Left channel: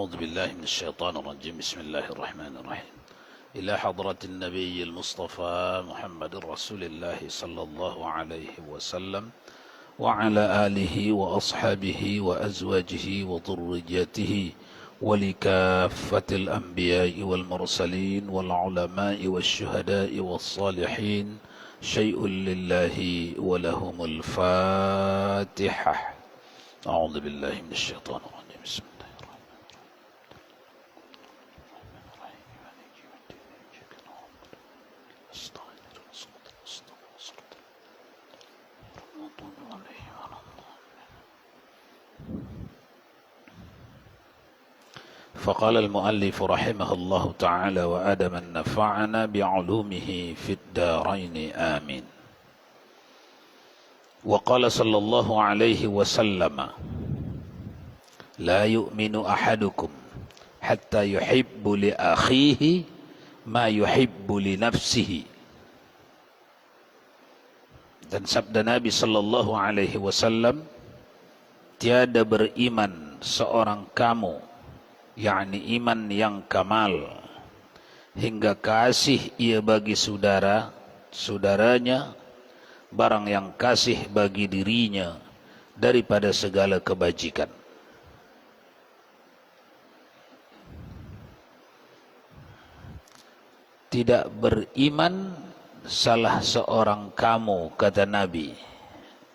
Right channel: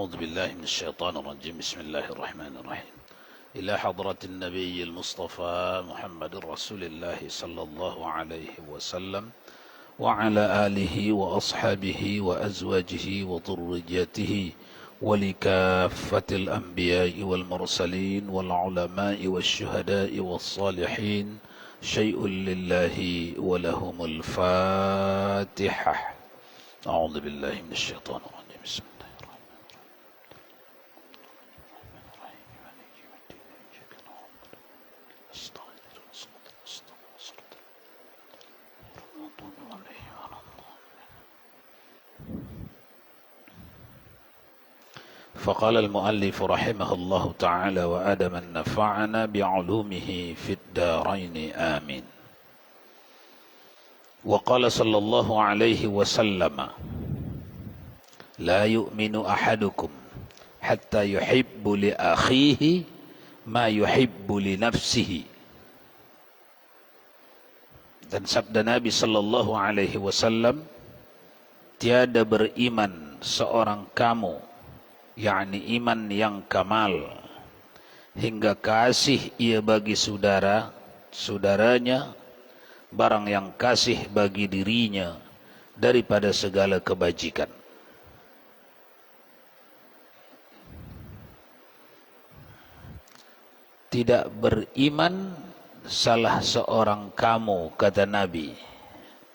أعوذ بالله من الشيطان الرجيم. بسم الله الرحمن الرحيم. إلى حضرة النبي المصطفى محمد رسول الله صلى الله عليه وسلم وعلى آله وأصحابه وأزواجه وذريته ولكافة الأنبياء والمرسلين والعلماء والشهداء والصالحين شيء لله ولهم الفاتحة. أعوذ بالله من الشيطان الرجيم. بسم الله فقال المؤلف رحمه الله تعالى وأدم نفعنا بعلومه في الدارين آمين. وقال صلى الله عليه وسلم لا يؤمن أحدكم حتى يحب لأخيه ما يحب لنفسه. Dan sabda Nabi sallallahu alaihi wasallam, tiada beriman seorang kamu, yakni iman yang kamal, hingga kasih ia bagi saudaranya barang yang kasih bagi dirinya daripada segala kebajikan. Tidak beriman salah seorang kamu, kata Nabi.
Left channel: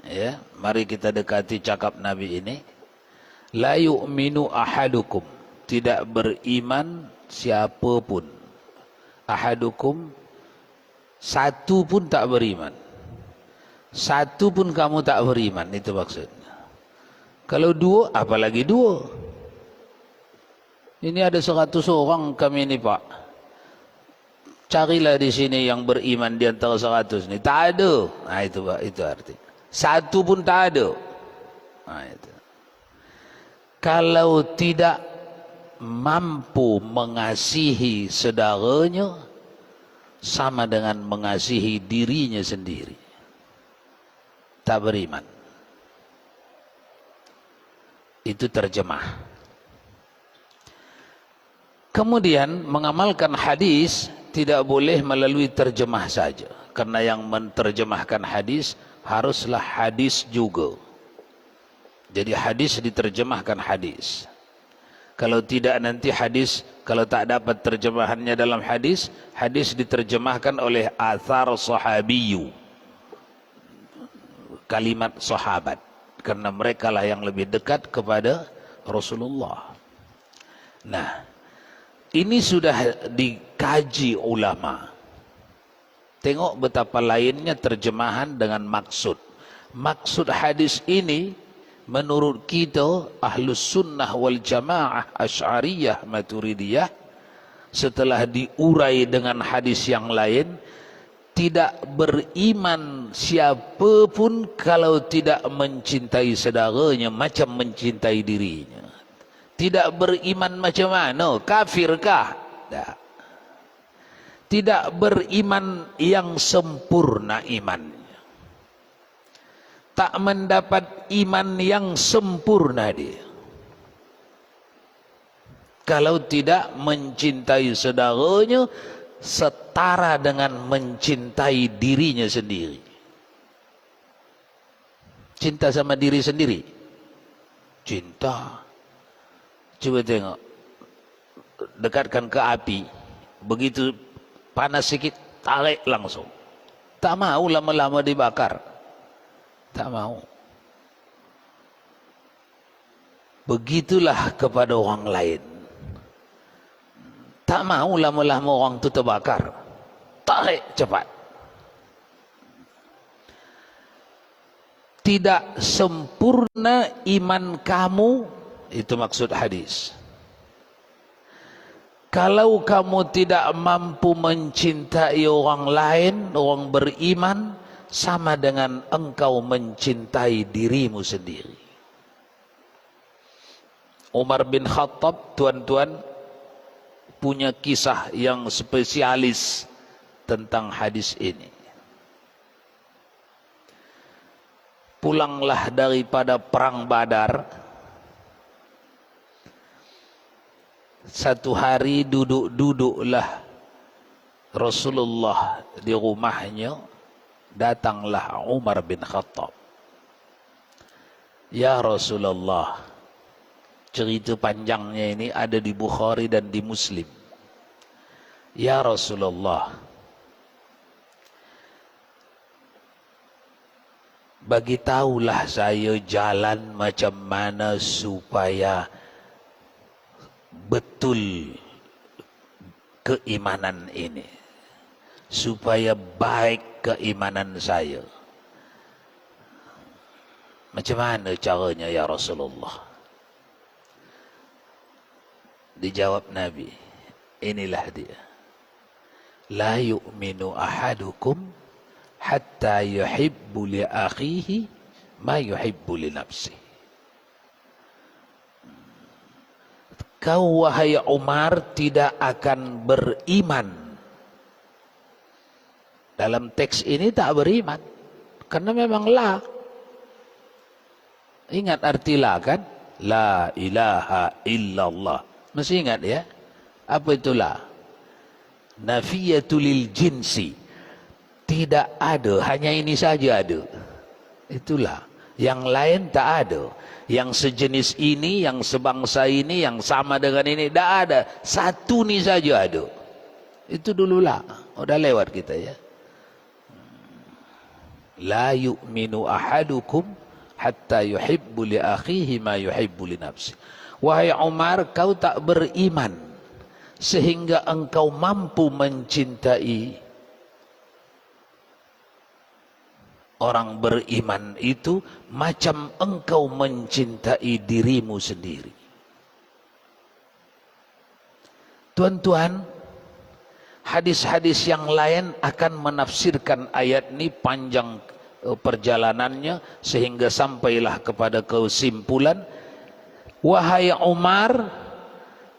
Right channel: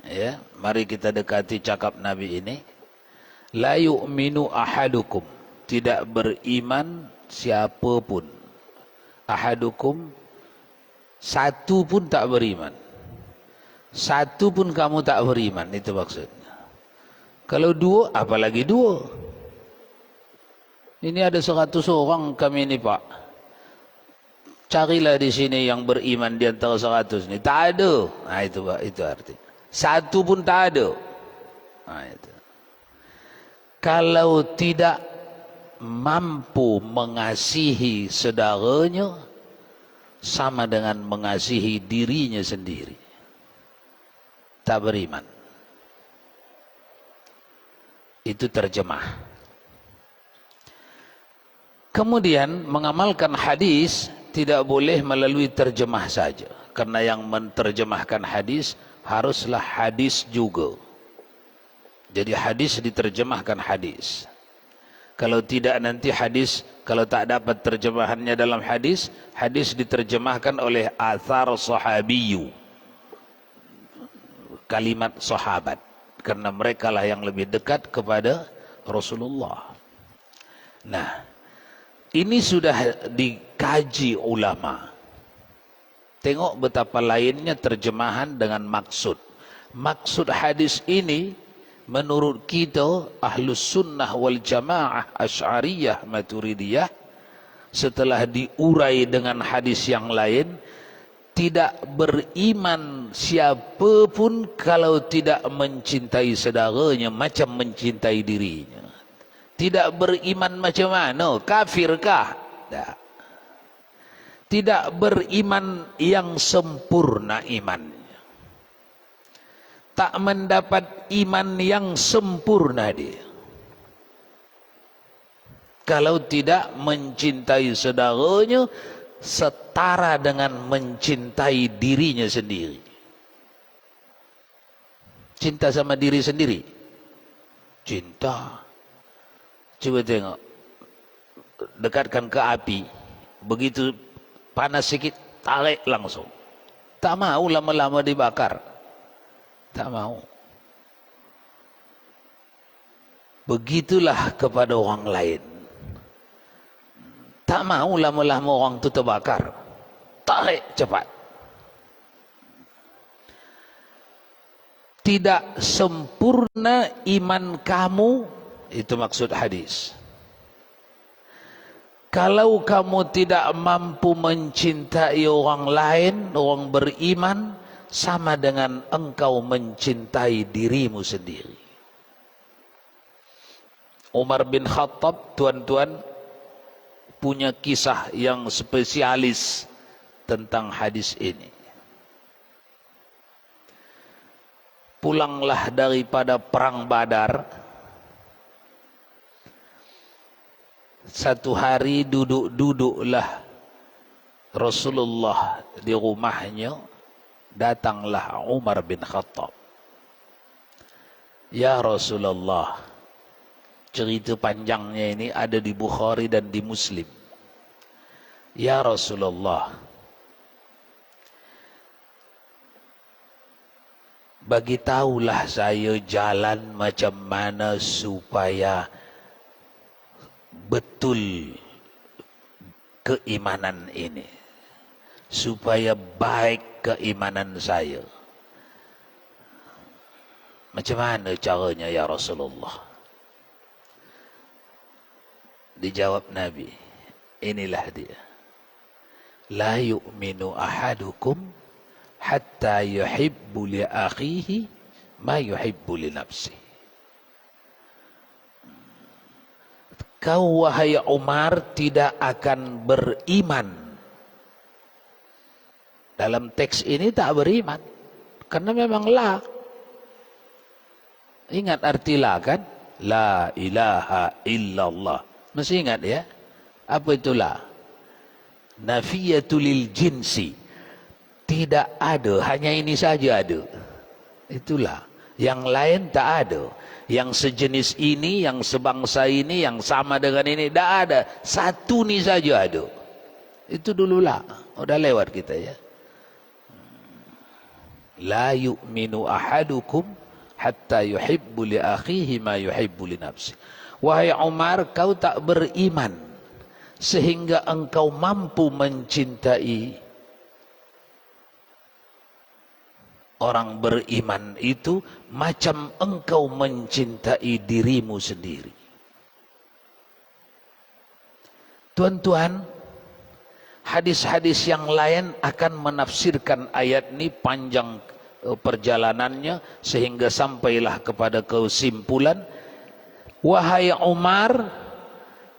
Ya, mari kita dekati cakap Nabi ini. La yu'minu ahadukum, tidak beriman siapapun. Ahadukum, satu pun tak beriman. Satu pun kamu tak beriman, itu maksudnya. Kalau dua, apalagi dua. Ini ada 100 orang kami ini, Pak. Carilah di sini yang beriman di antara 100 ni. Tak ada. Nah, itu Pak, itu arti. Satu pun tak ada. Nah, itu. Kalau tidak mampu mengasihi saudaranya, sama dengan mengasihi dirinya sendiri, tak beriman. Itu terjemah. Kemudian mengamalkan hadis tidak boleh melalui terjemah saja, karena yang menterjemahkan hadis haruslah hadis juga. Jadi hadis diterjemahkan hadis. Kalau tidak nanti hadis, kalau tak dapat terjemahannya dalam hadis, hadis diterjemahkan oleh athar sahabiyu, kalimat sahabat, karena mereka lah yang lebih dekat kepada Rasulullah. Nah, ini sudah dikaji ulama. Tengok betapa lainnya terjemahan dengan maksud. Maksud hadis ini menurut kita Ahlus Sunnah wal Jamaah Asy'ariyah Maturidiyah, setelah diurai dengan hadis yang lain, tidak beriman siapapun kalau tidak mencintai saudaranya macam mencintai dirinya. Tidak beriman macam mana? Kafirkah? Tak. Tidak beriman yang sempurna imannya. Tak mendapat iman yang sempurna dia kalau tidak mencintai saudaranya setara dengan mencintai dirinya sendiri. Cinta sama diri sendiri, cinta. Coba tengok, dekatkan ke api, begitu panas sikit, tarik langsung. Tak mau lama-lama dibakar. Tak mau. Begitulah kepada orang lain. Tak mau lama-lama orang itu terbakar. Tarik cepat. Tidak sempurna iman kamu, itu maksud hadis. Kalau kamu tidak mampu mencintai orang lain, orang beriman, sama dengan engkau mencintai dirimu sendiri. Umar bin Khattab, tuan-tuan, punya kisah yang spesialis tentang hadis ini. Pulanglah daripada perang Badar, Satu hari duduk-duduklah Rasulullah di rumahnya, datanglah Umar bin Khattab. Ya Rasulullah, cerita panjangnya ini ada di Bukhari dan di Muslim. Ya Rasulullah, bagi tahulah saya jalan macam mana supaya betul keimanan ini, supaya baik keimanan saya. Macam mana caranya ya Rasulullah? Dijawab Nabi, inilah dia. La yu'minu ahadukum hatta yuhibbu li akhihi ma yuhibbu li nafsihi. Kau wahai Umar tidak akan beriman. Dalam teks ini tak beriman, karena memang la. Ingat arti la kan? La ilaha illallah. Mesti ingat ya. Apa itu la? Nafiyatul jinsi. Tidak ada, hanya ini saja ada. Itulah. Yang lain tak ada. Yang sejenis ini, yang sebangsa ini, yang sama dengan ini, tak ada. Satu ni saja ada. Itu dululah. Udah lewat kita ya. La yu'minu ahadukum hatta yuhibbu li akhihi ma yuhibbu li nafsi. Wahai Umar, kau tak beriman sehingga engkau mampu mencintai orang beriman itu macam engkau mencintai dirimu sendiri. Tuan-tuan, hadis-hadis yang lain akan menafsirkan ayat ini panjang perjalanannya sehingga sampailah kepada kesimpulan, wahai Umar,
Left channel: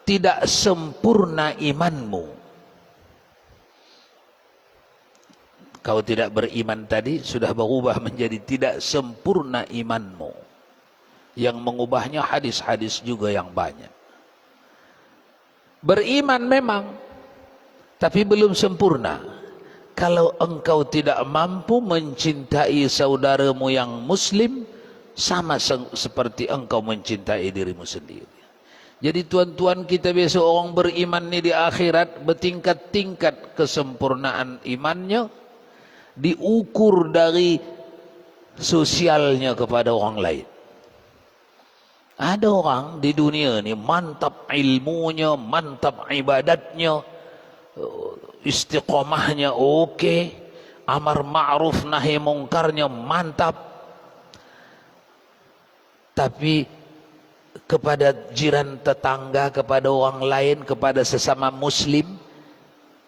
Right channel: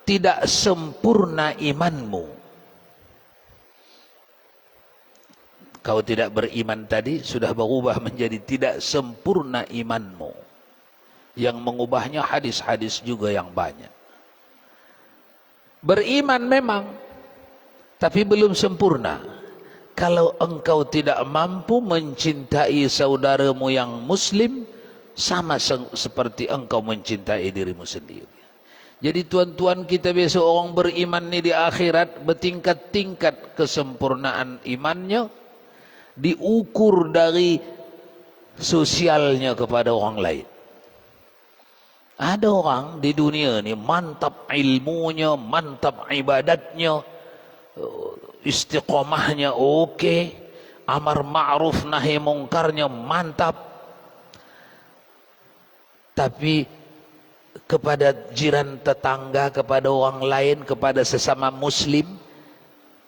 tidak sempurna imanmu. Kau tidak beriman tadi sudah berubah menjadi tidak sempurna imanmu. Yang mengubahnya hadis-hadis juga yang banyak. Beriman memang, tapi belum sempurna. Kalau engkau tidak mampu mencintai saudaramu yang muslim, sama seperti engkau mencintai dirimu sendiri. Jadi tuan-tuan, kita besok orang beriman ni di akhirat bertingkat-tingkat kesempurnaan imannya, diukur dari sosialnya kepada orang lain. Ada orang di dunia ni mantap ilmunya, mantap ibadatnya, istiqomahnya okey, amar ma'ruf nahi mungkarnya mantap, tapi kepada jiran tetangga, kepada orang lain, kepada sesama muslim,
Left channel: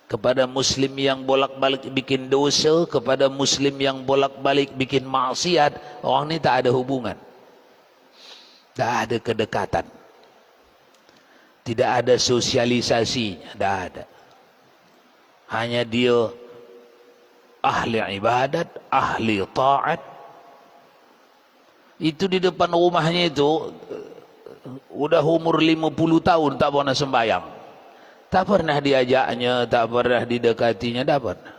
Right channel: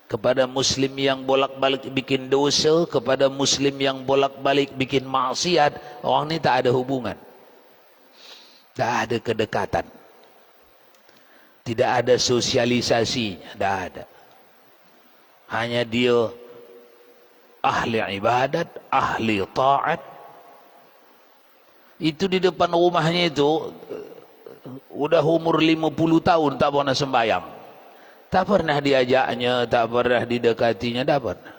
kepada muslim yang bolak-balik bikin dosa, kepada muslim yang bolak-balik bikin maksiat, orang ni tak ada hubungan, tak ada kedekatan, tidak ada sosialisasi, tak ada. Hanya dia ahli ibadat, ahli ta'at. Itu di depan rumahnya itu udah umur 50 tahun tak pernah sembahyang, tak pernah diajaknya, tak pernah didekatinya, tak pernah.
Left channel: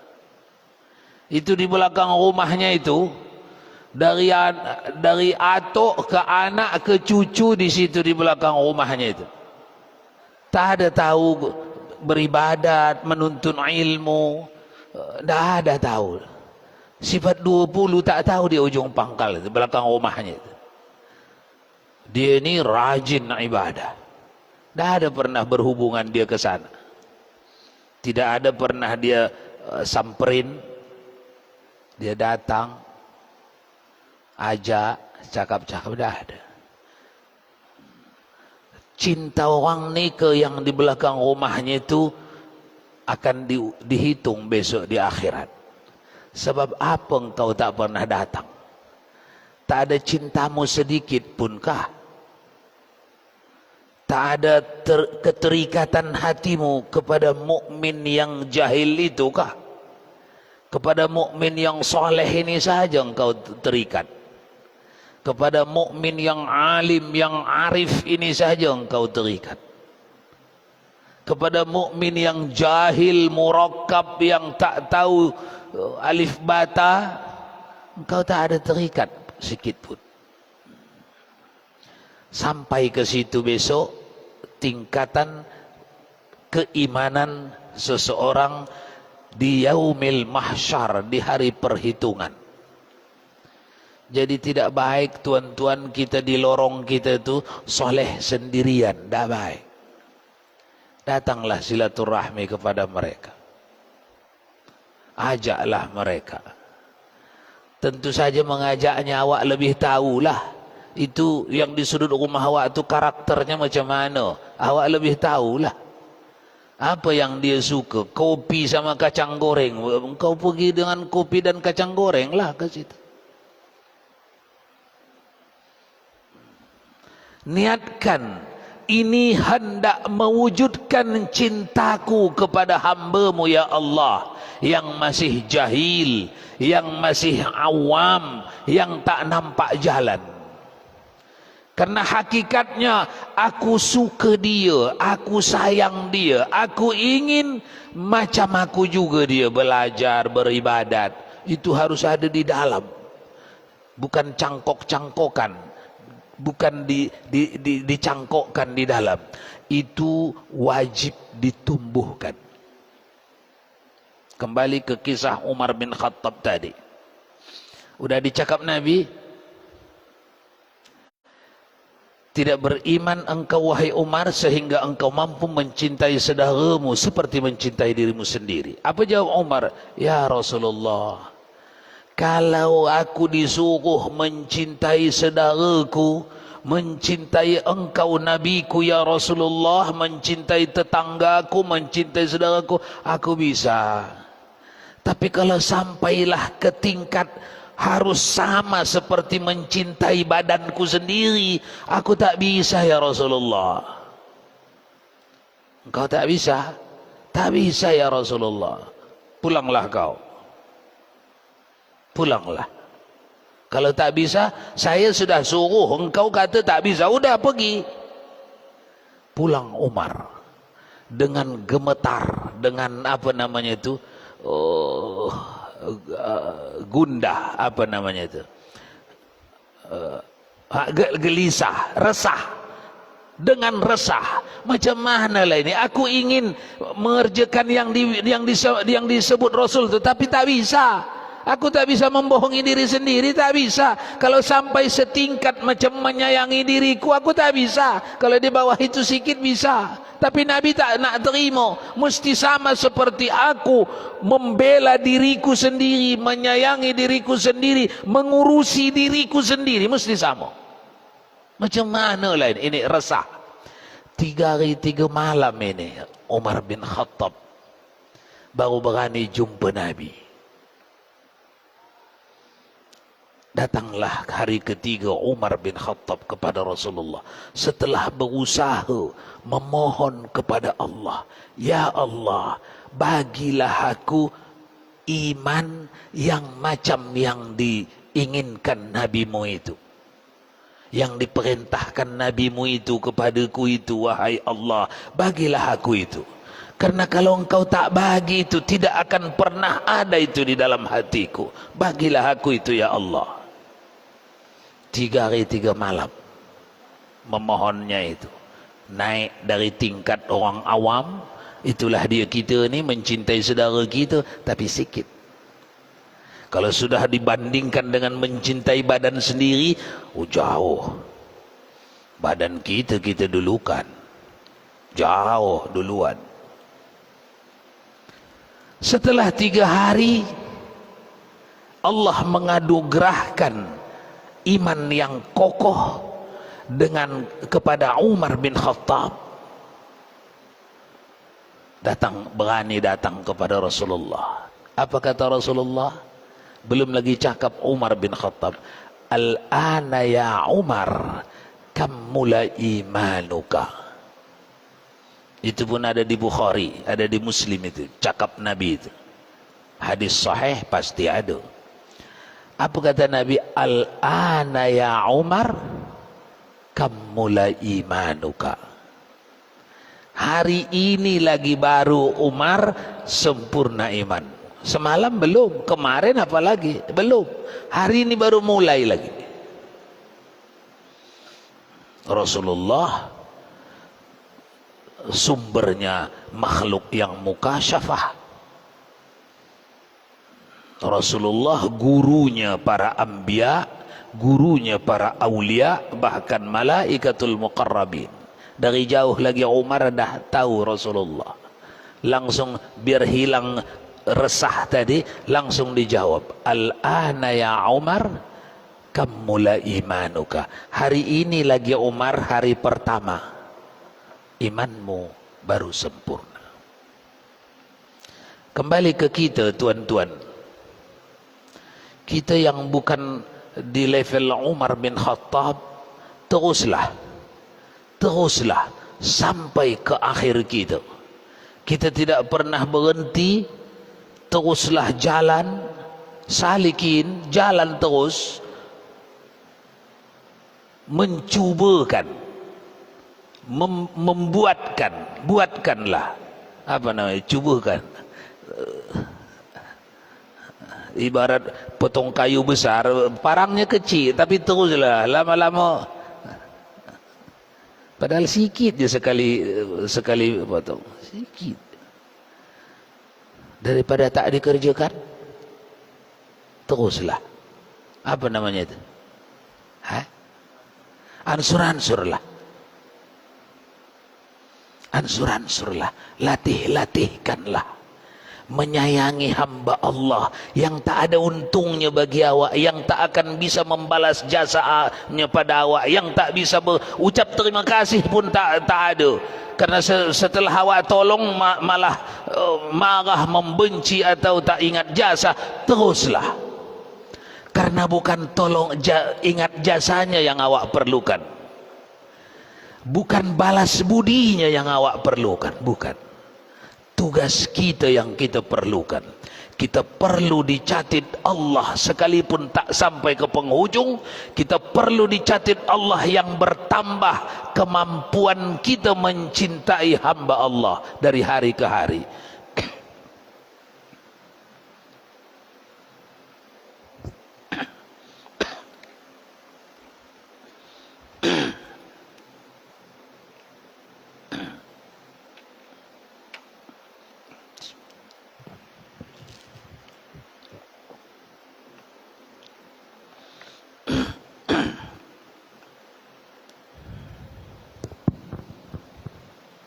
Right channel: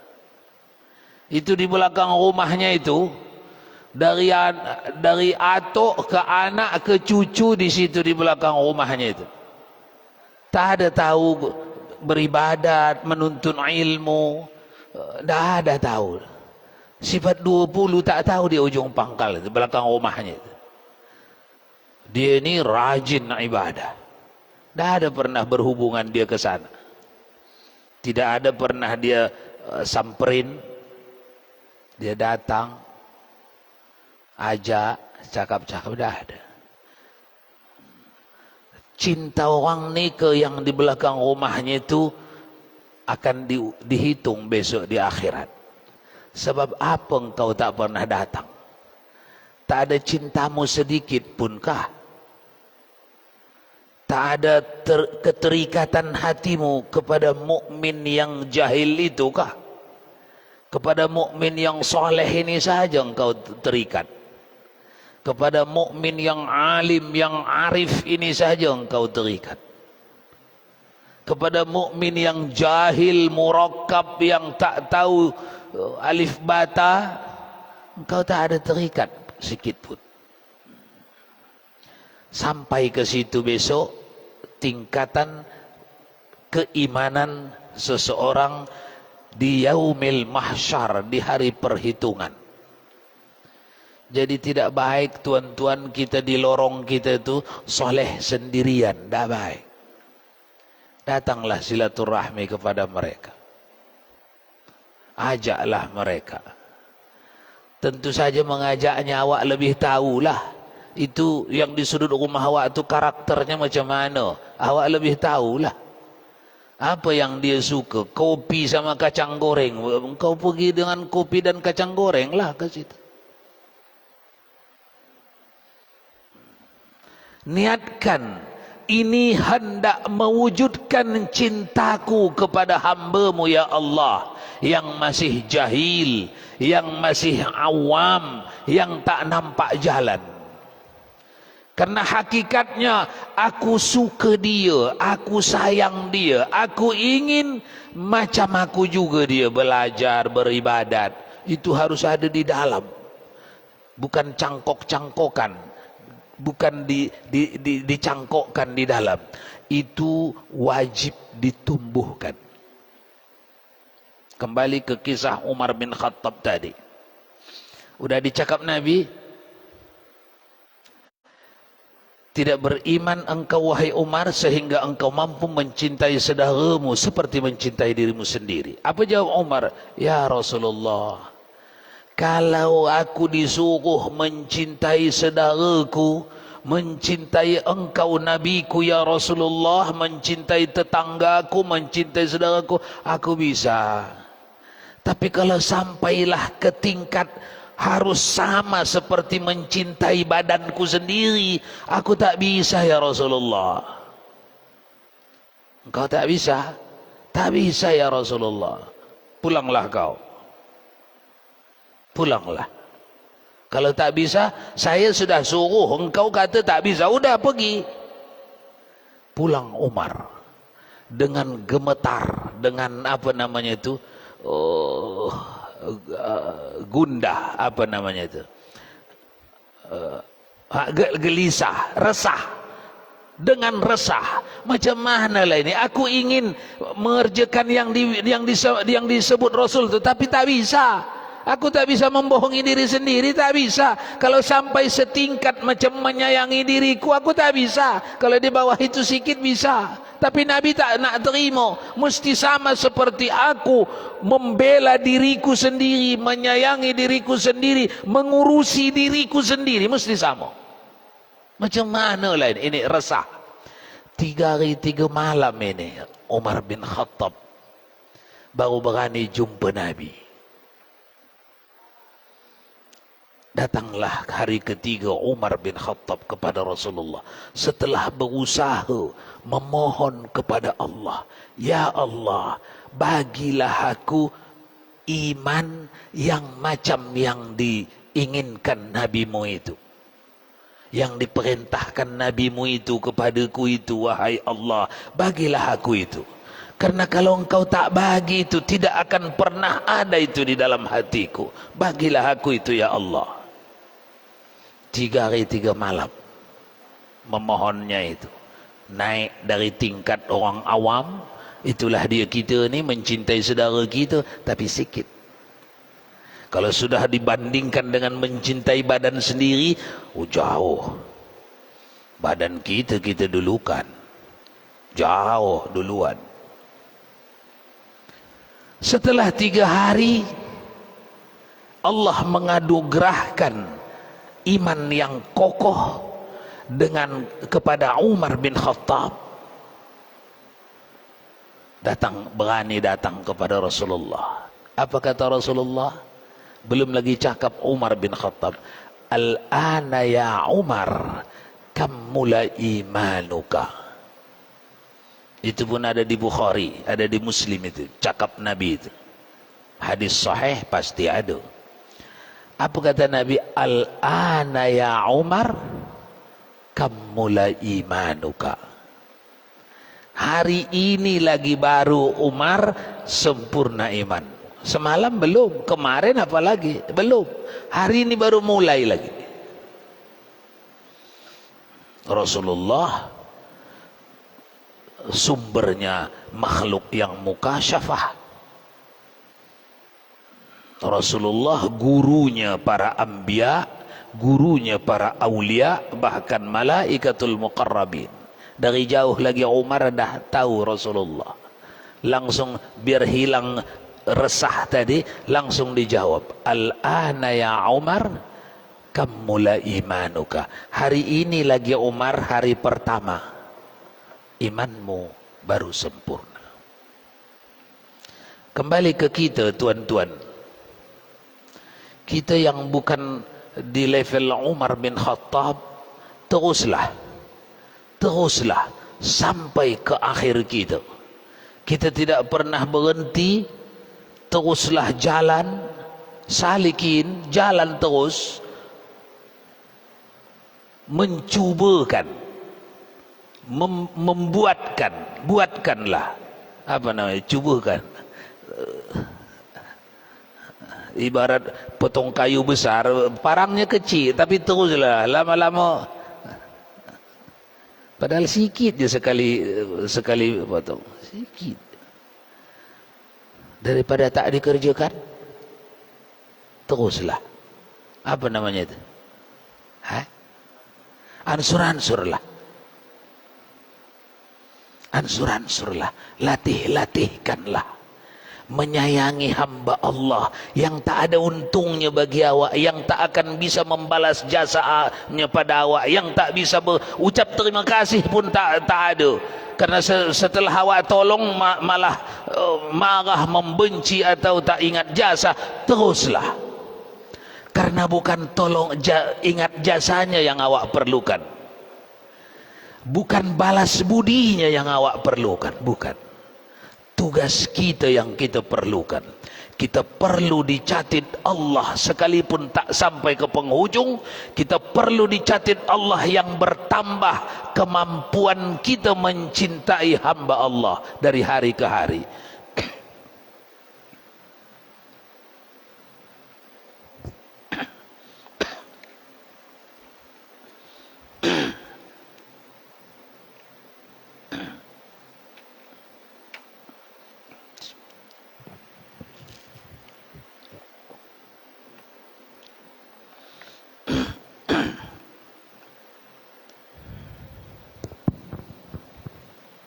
Itu di belakang rumahnya itu, dari atuk ke anak ke cucu di situ di belakang rumahnya itu, tak ada tahu beribadat, menuntut ilmu, tak ada tahu. Sifat 20 tak tahu di ujung pangkal di belakang rumahnya itu. Dia ini rajin ibadah. Tak ada pernah berhubungan dia ke sana. Tidak ada pernah dia samperin, dia datang, ajak, cakap-cakap, tak ada. Cinta orang ni ke yang di belakang rumahnya itu akan dihitung besok di akhirat. Sebab apa engkau tak pernah datang? Tak ada cintamu sedikit pun kah? Tak ada keterikatan hatimu kepada mukmin yang jahil itu kah? Kepada mukmin yang soleh ini saja engkau terikat. Kepada mukmin yang alim, yang arif ini saja engkau terikat. kepada mukmin yang jahil, murakkab, yang tak tahu alif bata, engkau tak ada terikat sikit pun. Sampai ke situ besok tingkatan keimanan seseorang di yaumil mahsyar, di hari perhitungan. Jadi tidak baik tuan-tuan kita di lorong kita itu soleh sendirian, tidak baik. Datanglah silaturahmi kepada mereka, ajaklah mereka. Tentu saja mengajaknya awak lebih tahulah itu yang di sudut rumah awak itu karakternya macam mana, awak lebih tahulah apa yang dia suka, kopi sama kacang goreng, engkau pergi dengan kopi dan kacang goreng lah ke situ. Niatkan, ini hendak mewujudkan cintaku kepada hamba-Mu ya Allah, yang masih jahil, yang masih awam, yang tak nampak jalan. Karena hakikatnya aku suka dia, aku sayang dia, aku ingin macam aku juga dia belajar, beribadat. Itu harus ada di dalam, bukan cangkok-cangkokan, bukan dicangkokkan di dalam. Itu wajib ditumbuhkan. Kembali ke kisah Umar bin Khattab tadi. Udah dicakap Nabi, tidak beriman engkau wahai Umar sehingga engkau mampu mencintai saudaramu seperti mencintai dirimu sendiri. Apa jawab Umar? Ya Rasulullah, kalau aku disuruh mencintai saudaraku, mencintai engkau nabiku ya Rasulullah, mencintai tetanggaku, mencintai saudaraku, aku bisa. Tapi kalau sampailah ke tingkat harus sama seperti mencintai badanku sendiri, aku tak bisa ya Rasulullah. Engkau tak bisa? Tak bisa ya Rasulullah. Pulanglah kau. Pulanglah. Kalau tak bisa, saya sudah suruh, engkau kata tak bisa, udah pergi. Pulang Umar dengan gemetar, dengan apa namanya itu, gundah, apa namanya itu, gelisah, resah, dengan resah. Macam mana lah ini, aku ingin mengerjakan yang disebut Rasul, tetapi tak bisa. Aku tak bisa membohongi diri sendiri, tak bisa. Kalau sampai setingkat macam menyayangi diriku, aku tak bisa. Kalau di bawah itu sikit bisa. Tapi Nabi tak nak terima. Mesti sama seperti aku membela diriku sendiri, menyayangi diriku sendiri, mengurusi diriku sendiri. Mesti sama. Macam mana lah ini resah. 3 hari 3 malam ini Umar bin Khattab baru berani jumpa Nabi. Datanglah hari ketiga Umar bin Khattab kepada Rasulullah setelah berusaha memohon kepada Allah, ya Allah, bagilah aku iman yang macam yang diinginkan nabimu itu, yang diperintahkan nabimu itu kepadaku itu, wahai Allah, bagilah aku itu. Karena kalau engkau tak bagi itu, tidak akan pernah ada itu di dalam hatiku. Bagilah aku itu ya Allah. 3 hari 3 malam memohonnya itu. Naik dari tingkat orang awam, itulah dia kita ni, mencintai saudara kita, tapi sikit. Kalau sudah dibandingkan dengan mencintai badan sendiri, jauh. Badan kita dulukan, jauh duluan. Setelah 3 hari Allah menganugerahkan iman yang kokoh dengan kepada Umar bin Khattab. Berani datang kepada Rasulullah. Apa kata Rasulullah? Belum lagi cakap Umar bin Khattab, al-ana ya Umar kammula imanuka. Itu pun ada di Bukhari, ada di Muslim itu, cakap Nabi itu. Hadis sahih pasti ada. Apa kata Nabi? Al-ana ya Umar kammula imanuka. Hari ini lagi baru Umar sempurna iman. Semalam belum, kemarin apalagi belum. Hari ini baru mulai lagi. Rasulullah sumbernya makhluk yang mukasyafah. Rasulullah gurunya para anbiya, gurunya para aulia, bahkan malaikatul muqarrabin. Dari jauh lagi Umar dah tahu Rasulullah. Langsung biar hilang resah tadi, langsung dijawab, al-ana ya Umar kammula imanuka. Hari ini lagi Umar, hari pertama, imanmu baru sempurna. Kembali ke kita tuan-tuan, kita yang bukan di level Umar bin Khattab, teruslah sampai ke akhir kita. Kita tidak pernah berhenti, teruslah jalan, salikin, jalan terus, mencubakan, buatkanlah, apa namanya, cubakan. Ibarat potong kayu besar, parangnya kecil, tapi teruslah, lama-lama, padahal sikit je sekali potong, sikit. Daripada tak dikerjakan, teruslah, apa namanya itu? Ansur-ansurlah, latihkanlah. Menyayangi hamba Allah yang tak ada untungnya bagi awak, yang tak akan bisa membalas jasanya pada awak, yang tak bisa berucap terima kasih pun tak ada. Karena setelah awak tolong malah marah, membenci atau tak ingat jasa. Teruslah, karena bukan ingat jasanya yang awak perlukan, bukan balas budinya yang awak perlukan, bukan. Tugas kita yang kita perlukan, kita perlu dicatat Allah sekalipun tak sampai ke penghujung. Kita perlu dicatat Allah yang bertambah kemampuan kita mencintai hamba Allah dari hari ke hari.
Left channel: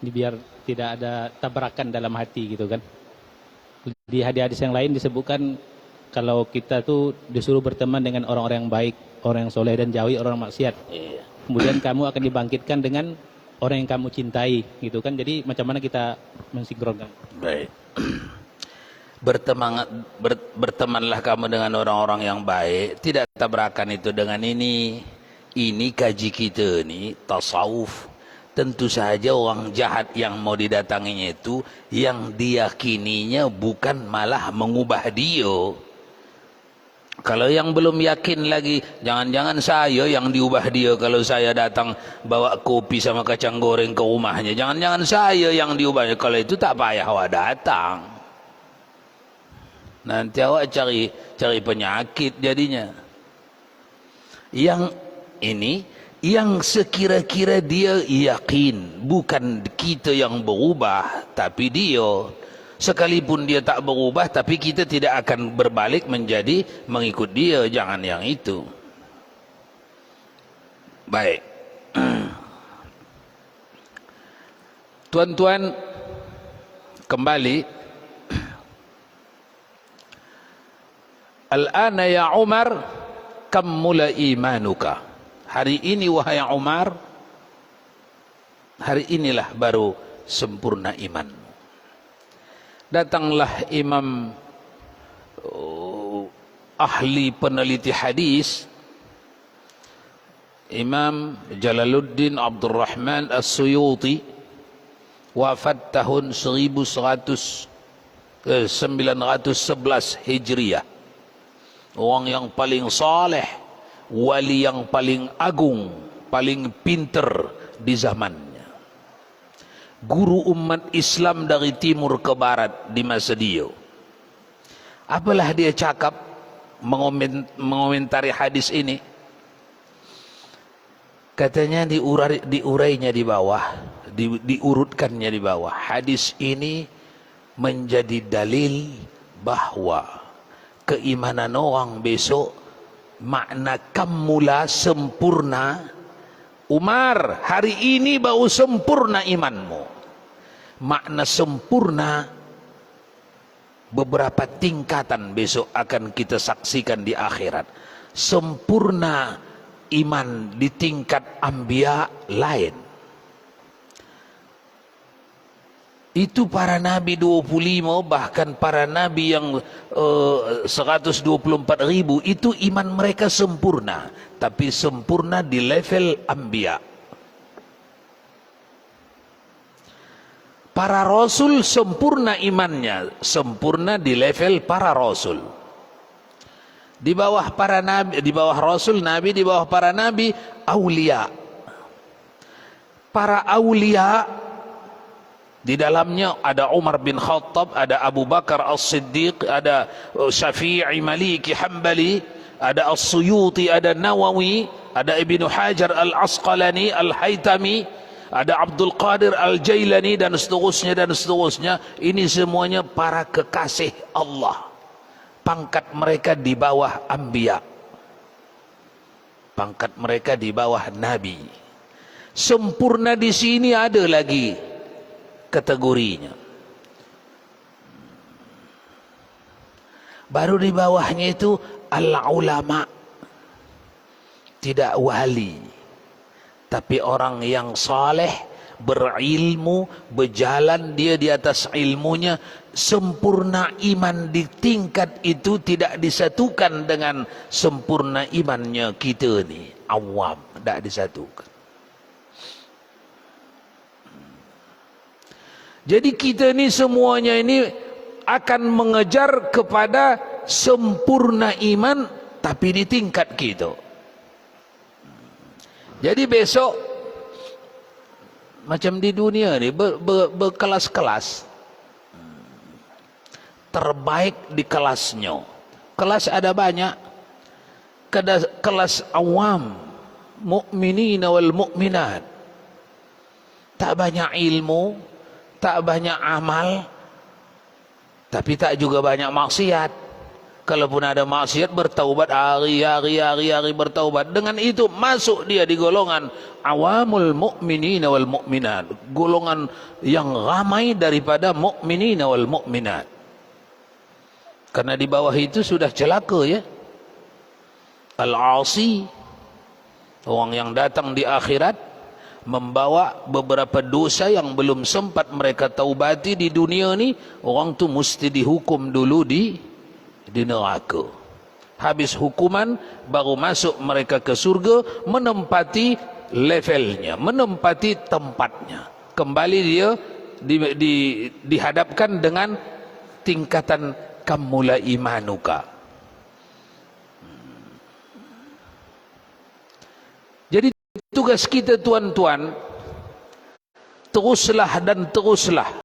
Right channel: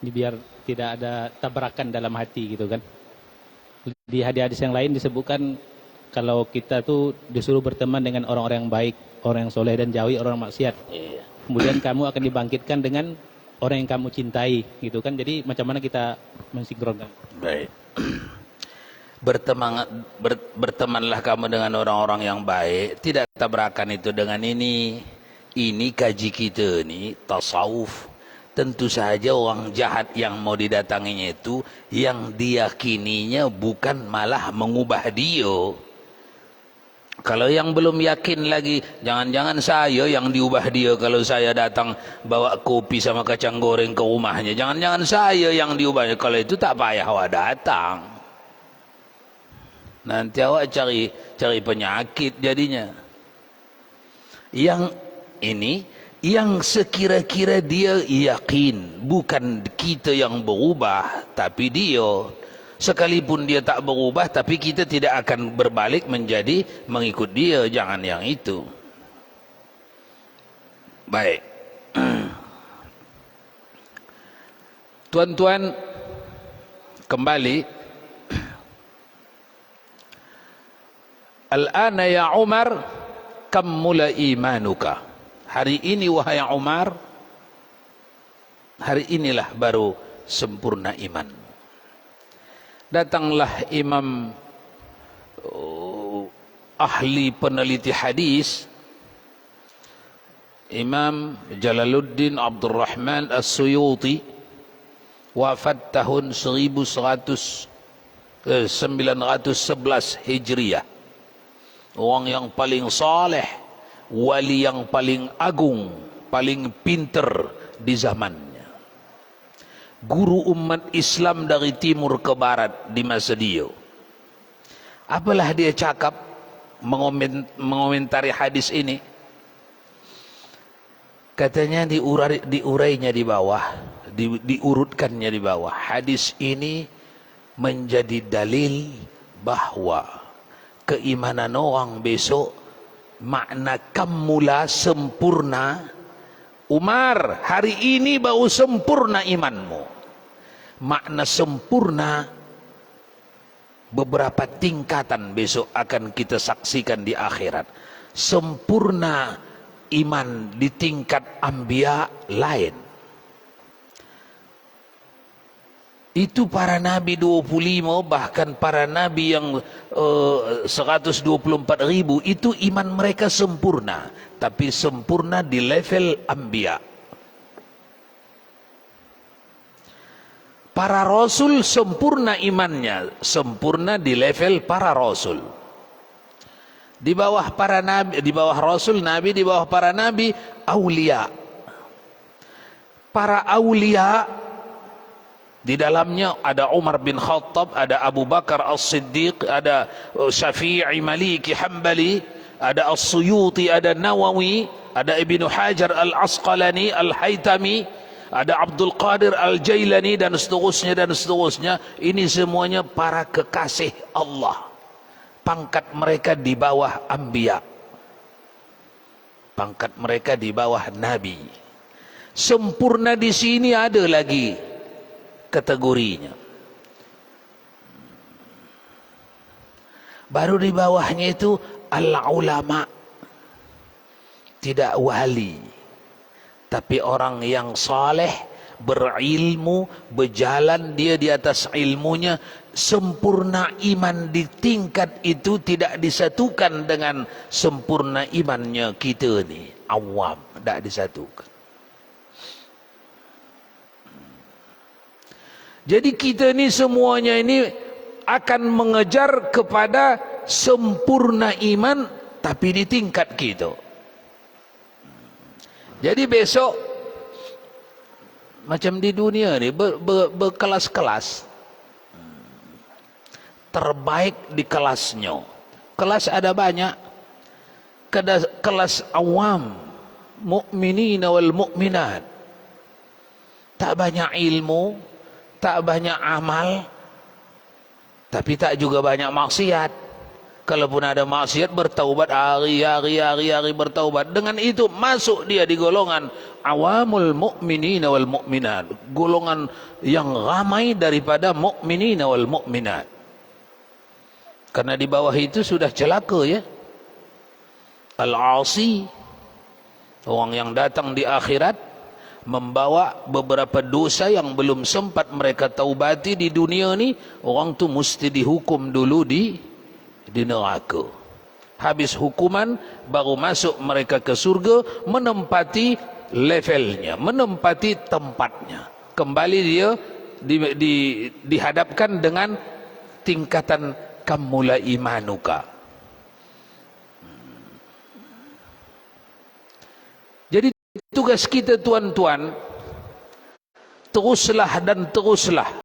Ini biar tidak ada tabrakan dalam hati gitu kan. Di hadis-hadis yang lain disebutkan kalau kita tuh disuruh berteman dengan orang-orang yang baik, orang yang soleh, dan jauhi orang maksiat. Kemudian kamu akan dibangkitkan dengan orang yang kamu cintai gitu kan. Jadi macam mana kita mensinkronkan? Baik. Bertemanlah kamu dengan orang-orang yang baik. Tidak tabrakan itu dengan ini. Ini kaji kita ni tasawuf. Tentu saja orang jahat yang mau didatanginya itu yang diyakininya bukan malah mengubah dia. Kalau yang belum yakin lagi, jangan-jangan saya yang diubah dia kalau saya datang bawa kopi sama kacang goreng ke rumahnya. Jangan-jangan saya yang diubahnya. Kalau itu tak payah awak datang. Nanti awak cari penyakit jadinya. Yang ini, yang sekira-kira dia yakin, bukan kita yang berubah, tapi dia. Sekalipun dia tak berubah, tapi kita tidak akan berbalik menjadi mengikut dia. Jangan yang itu. Baik. Tuan-tuan, kembali. Al-ana ya Umar, kam mula imanuka. Hari ini wahai Umar, hari inilah baru sempurna iman. Datanglah imam ahli peneliti hadis, Imam Jalaluddin Abdul Rahman As-Suyuti, wafat tahun 1911 Hijriah. Orang yang paling saleh, wali yang paling agung, paling pinter di zamannya. guru umat Islam dari timur ke barat di masa dia. Apalah dia cakap mengomentari hadis ini? Katanya diurainya di bawah, diurutkannya di bawah. Hadis ini menjadi dalil bahwa keimanan orang besok makna kamula sempurna. Umar, hari ini baru sempurna imanmu. Makna sempurna beberapa tingkatan besok akan kita saksikan di akhirat. Sempurna iman di tingkat anbiya lain. Itu para nabi 25, bahkan para nabi yang 124.000 itu iman mereka sempurna, tapi sempurna di level anbiya. Para rasul sempurna imannya, sempurna di level para rasul. Di bawah para nabi, di bawah rasul nabi, di bawah para nabi aulia. Para aulia di dalamnya ada Umar bin Khattab, ada Abu Bakar As-Siddiq, ada Syafi'i Maliki Hanbali, ada As-Suyuti, ada Nawawi, ada Ibnu Hajar Al-Asqalani, Al-Haytami, ada Abdul Qadir Al-Jailani, dan seterusnya dan seterusnya. Ini semuanya para kekasih Allah. Pangkat mereka di bawah anbiya. Pangkat mereka di bawah nabi. Sempurna di sini ada lagi kategorinya. Baru di bawahnya itu al-ulama. Tidak wali, tapi orang yang saleh, berilmu, berjalan dia di atas ilmunya. Sempurna iman di tingkat itu tidak disatukan dengan sempurna imannya kita ni awam, tidak disatukan. Jadi kita ni semuanya ini akan mengejar kepada sempurna iman, tapi di tingkat kita. Jadi besok macam di dunia ni berkelas-kelas. Terbaik di kelasnya. Kelas ada banyak. Kelas awam, mukminin wal mukminat. Tak banyak ilmu, tak banyak amal, tapi tak juga banyak maksiat. Kalaupun ada maksiat, bertaubat hari bertaubat. Dengan itu masuk dia di golongan awamul mukminin wal mukminat, golongan yang ramai daripada mukminin wal mukminat. Karena di bawah itu sudah celaka ya. Al-asi, orang yang datang di akhirat membawa beberapa dosa yang belum sempat mereka taubati di dunia ni. Orang tu mesti dihukum dulu di neraka. Habis hukuman baru masuk mereka ke surga, menempati levelnya, menempati tempatnya. Kembali dia dihadapkan dengan tingkatan kamula imanuka. Jadi tugas kita tuan-tuan, teruslah dan teruslah.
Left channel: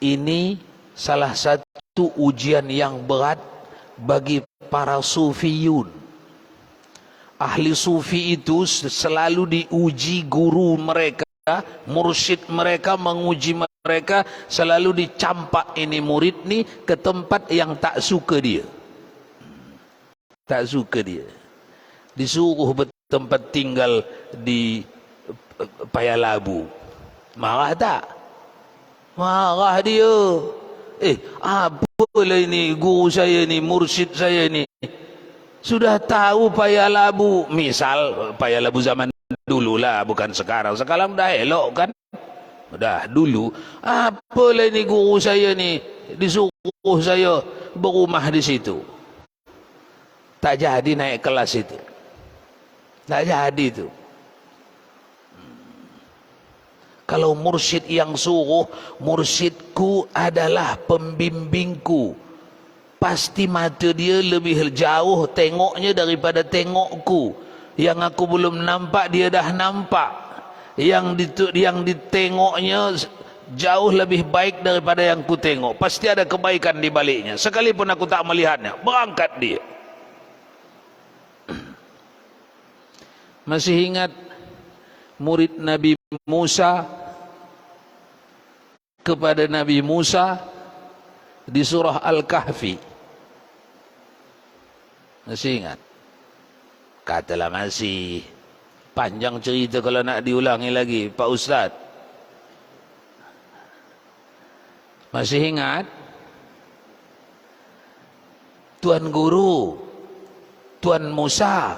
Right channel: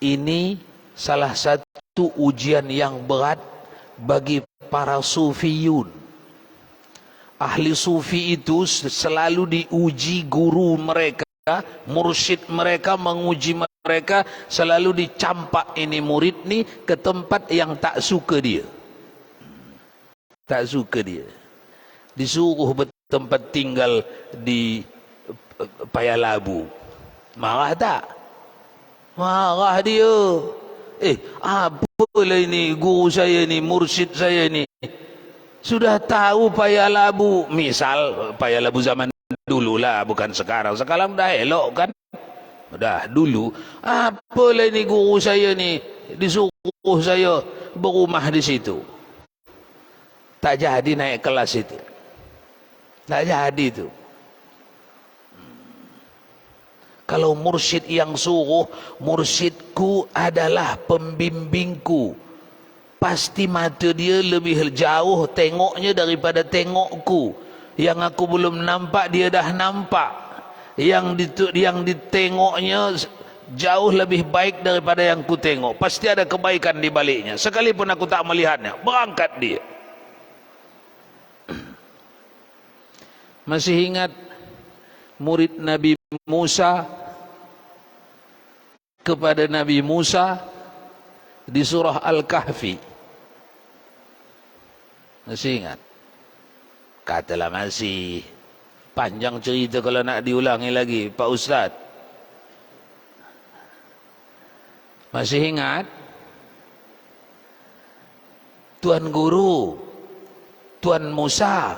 Ini salah satu ujian yang berat bagi para sufiyun. Ahli sufi itu selalu diuji guru mereka, mursyid mereka menguji mereka, selalu dicampak ini murid ni ke tempat yang tak suka dia. Tak suka dia. Disuruh bertempat tinggal di Payalabu. Marah tak? Marah dia. Apalah ini guru saya ni, mursyid saya ni. Sudah tahu Payalabu. Misal Payalabu zaman dulu lah, bukan sekarang. Sekarang dah elok kan? Dah dulu. Apalah ini guru saya ni, disuruh saya berumah di situ. Tak jadi naik kelas itu. Tak jadi tu. Kalau mursyid yang suruh, mursyidku adalah pembimbingku. Pasti mata dia lebih jauh tengoknya daripada tengokku. Yang aku belum nampak, dia dah nampak. yang ditengoknya jauh lebih baik daripada yang ku tengok. Pasti ada kebaikan di baliknya. Sekalipun aku tak melihatnya, berangkat dia. Masih ingat murid Nabi Musa kepada Nabi Musa di surah Al-Kahfi? Masih ingat? Katalah masih. Panjang cerita kalau nak diulangi lagi, Pak Ustaz. Masih ingat? Tuan Guru, Tuan Musa,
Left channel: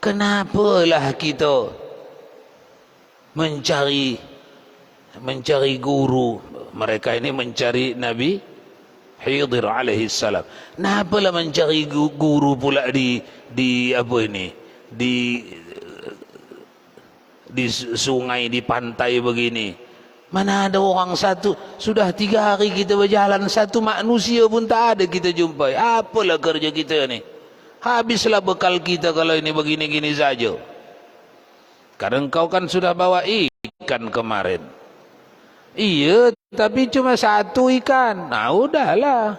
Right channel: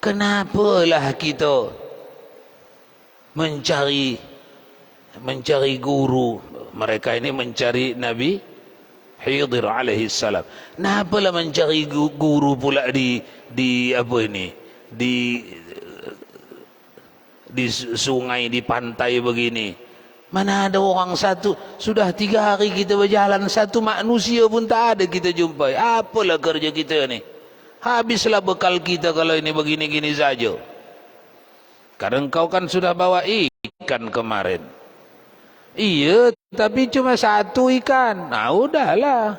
kenapalah kita mencari guru? Mereka ini mencari Nabi Khidir alaihi salam. Kenapalah mencari guru pula di apa ini? Di sungai, di pantai begini. Mana ada orang satu? Sudah 3 hari kita berjalan, satu manusia pun tak ada kita jumpai. Apalah kerja kita ni? Habislah bekal kita kalau ini begini-gini saja. Karena engkau kan sudah bawa ikan kemarin. Iya, tapi cuma 1 ikan. Nah, udahlah.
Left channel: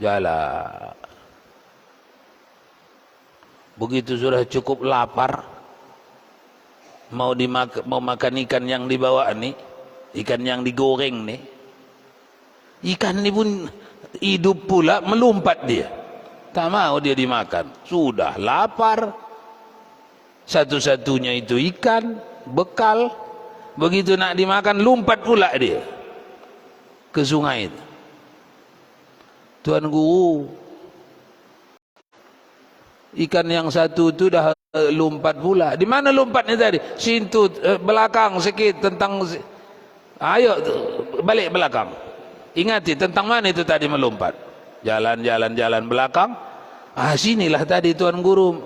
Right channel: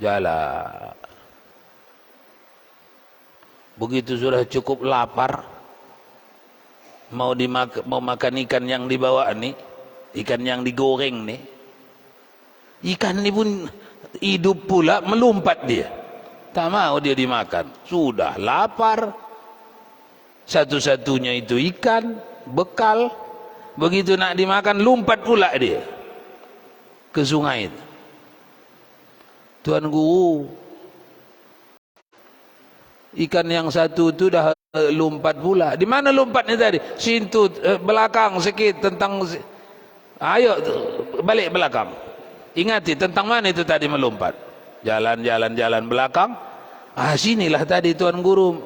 Jalan. Begitu sudah cukup lapar, mau makan ikan yang dibawa ni, ikan yang digoreng ni. Ikan ni pun hidup pula, melompat dia. Tak mau dia dimakan. Sudah lapar. Satu-satunya itu ikan, bekal. Begitu nak dimakan, lompat pula dia ke sungai itu. Tuan Guru, ikan yang satu tu dah lompat pula. Di mana lompatnya tadi? Sintu belakang sikit tentang. Ayo balik belakang. Ingati tentang mana itu tadi melompat. Jalan belakang. Sinilah tadi Tuan Guru.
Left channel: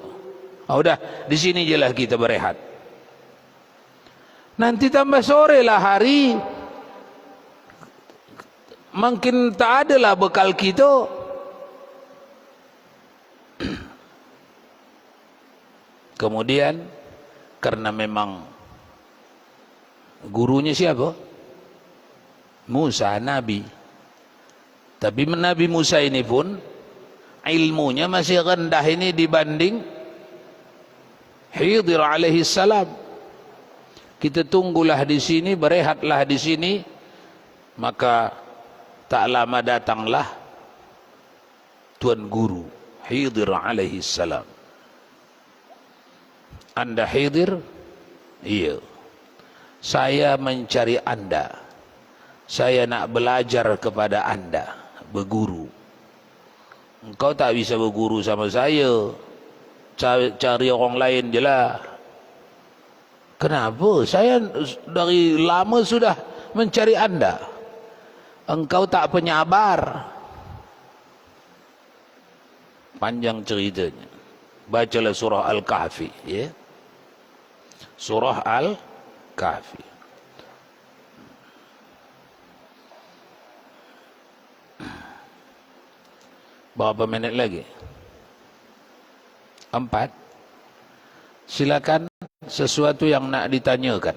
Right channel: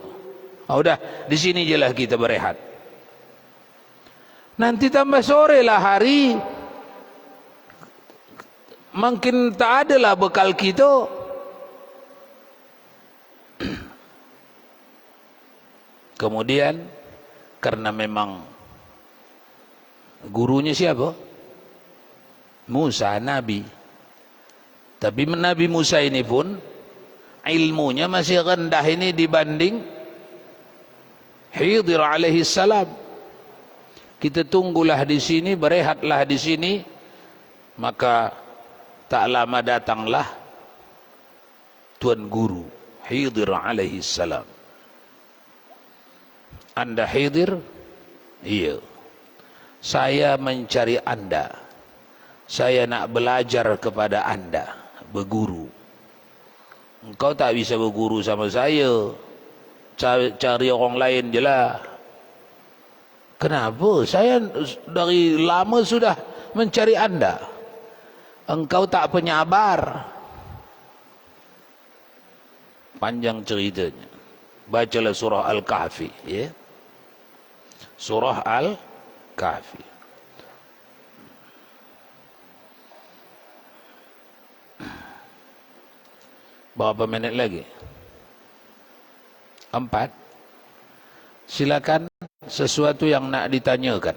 Udah, di sini jelah kita berehat. Nanti tambah sore lah hari. Makin tak adalah bekal kita. Kemudian karena memang gurunya siapa? Musa, Nabi. Tapi Nabi Musa ini pun ilmunya masih rendah ini dibanding Khidir alaihi salam. Kita tunggulah di sini, berehatlah di sini. Maka tak lama datanglah Tuan Guru Khidir alaihi salam. Anda Khidir? Iya. Saya mencari Anda. Saya nak belajar kepada Anda, berguru. Engkau tak bisa berguru sama saya. Cari orang lain je lah. Kenapa? Saya dari lama sudah mencari Anda. Engkau tak penyabar. Panjang ceritanya. Bacalah surah Al-Kahfi, ya. Surah Al-Kahfi. Berapa minit lagi? 4. Silakan sesuatu yang nak ditanyakan.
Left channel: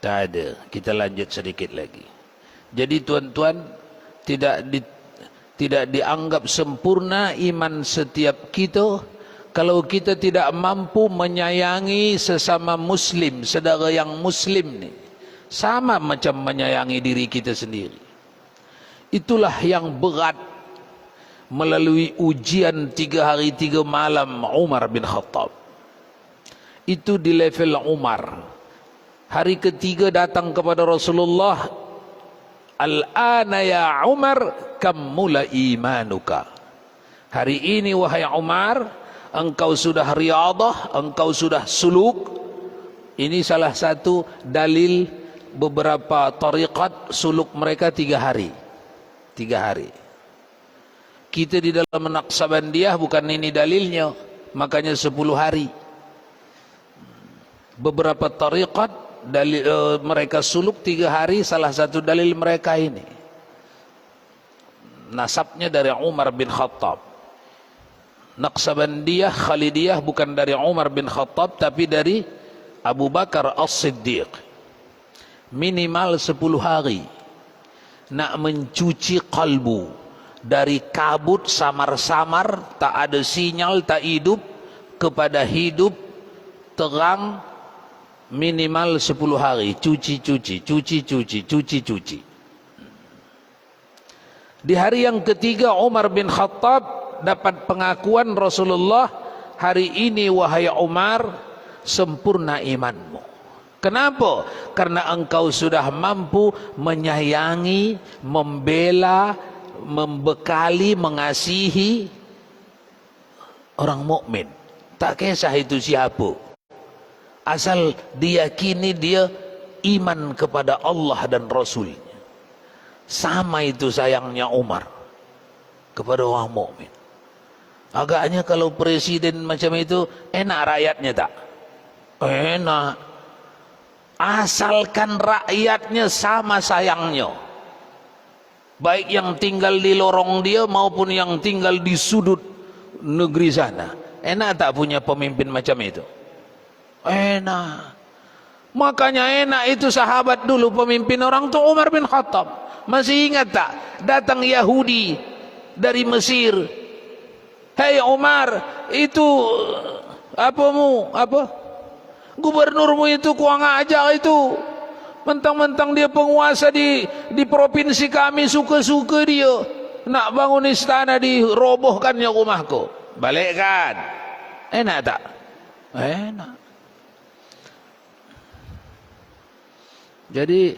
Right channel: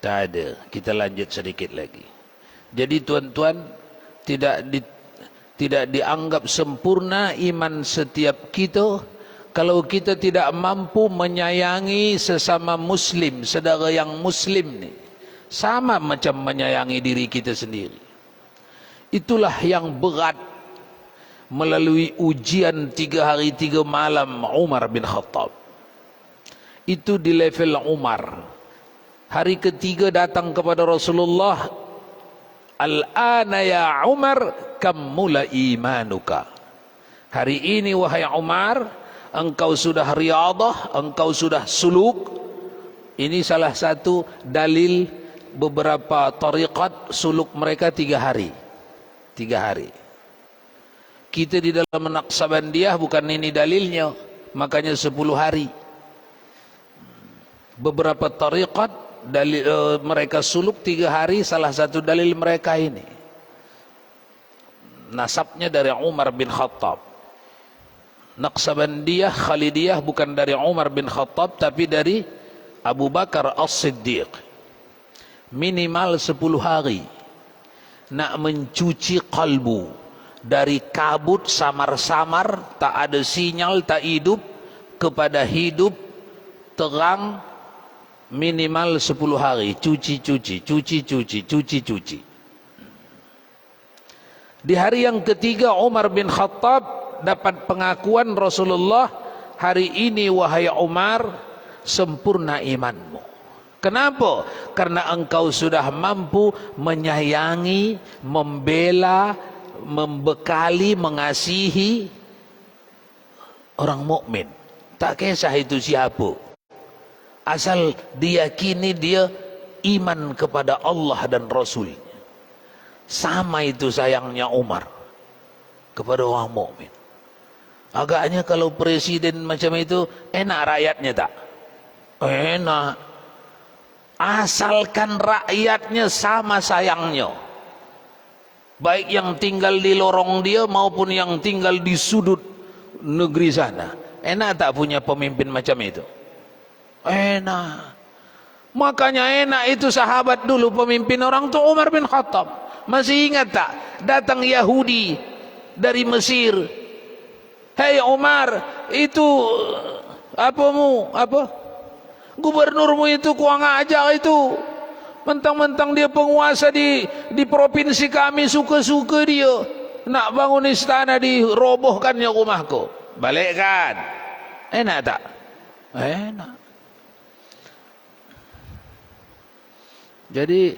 Tak ada. Kita lanjut sedikit lagi. Jadi tuan-tuan, tidak dianggap sempurna iman setiap kita kalau kita tidak mampu menyayangi sesama muslim, saudara yang muslim ni. Sama macam menyayangi diri kita sendiri. Itulah yang berat melalui ujian 3 hari 3 malam Umar bin Khattab. Itu di level Umar. Hari ketiga datang kepada Rasulullah. Al-ana ya Umar kammula imanuka. Hari ini wahai Umar, engkau sudah riadah, engkau sudah suluk. Ini salah satu dalil beberapa tariqat suluk mereka 3 hari. 3 hari. Kita di dalam Naqsabandiyah bukan ini dalilnya, makanya 10 hari. Beberapa tariqat dalil mereka suluk 3 hari, salah satu dalil mereka ini. nasabnya dari Umar bin Khattab. Naqsabandiyah, Khalidiyah bukan dari Umar bin Khattab tapi dari Abu Bakar As-Siddiq. Minimal 10 hari nak mencuci kalbu dari kabut samar-samar, tak ada sinyal, tak hidup, kepada hidup terang. Minimal 10 hari cuci. Di hari yang ketiga Umar bin Khattab dapat pengakuan Rasulullah, hari ini wahai Umar sempurna imanmu. Kenapa? Karena engkau sudah mampu menyayangi, membela, membekali, mengasihi orang mukmin. Tak kisah itu siapa, asal diyakini dia iman kepada Allah dan Rasulnya. Sama itu sayangnya Umar kepada orang mukmin. Agaknya kalau presiden macam itu enak rakyatnya tak? Enak. Asalkan rakyatnya sama sayangnya, baik yang tinggal di lorong dia maupun yang tinggal di sudut negeri sana. Enak tak punya pemimpin macam itu? Enak. Makanya enak itu sahabat dulu pemimpin orang tu Umar bin Khattab. Masih ingat tak? Datang Yahudi dari Mesir. Hei Umar, itu gubernurmu itu kurang ajar itu. Mentang-mentang dia penguasa di provinsi kami, suka-suka dia nak bangun istana, dirobohkannya rumahku. Balikkan. Enak tak? Enak. Jadi